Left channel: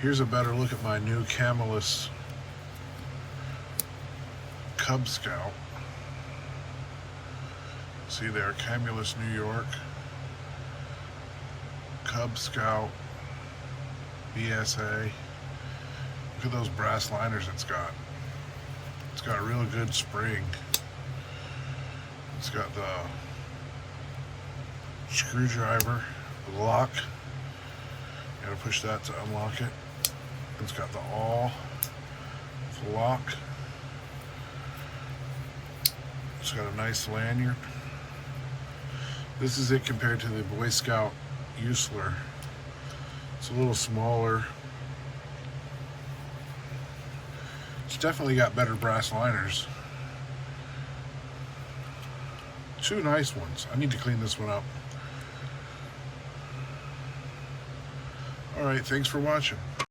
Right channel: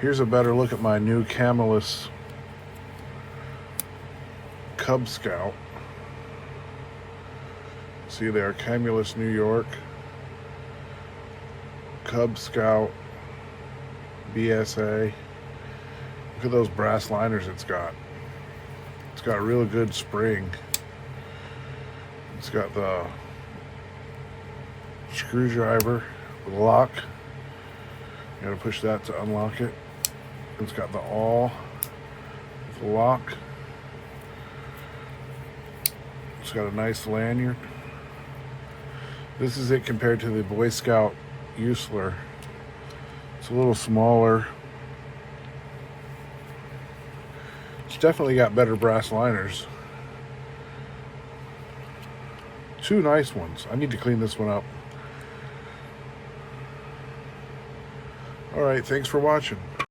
Here's a better look at my new Camillus Cub Scout. See there, Camillus, New York. Cub Scout BSA. Look at those brass liners it's got. It's got real good spring. It's got the screwdriver, the lock. You gotta push that to unlock it. It's got the awl, the lock. It's got a nice lanyard. This is it compared to the Boy Scout Usler. It's a little smaller. It's definitely got better brass liners. Two nice ones. I need to clean this one up. Alright, thanks for watching.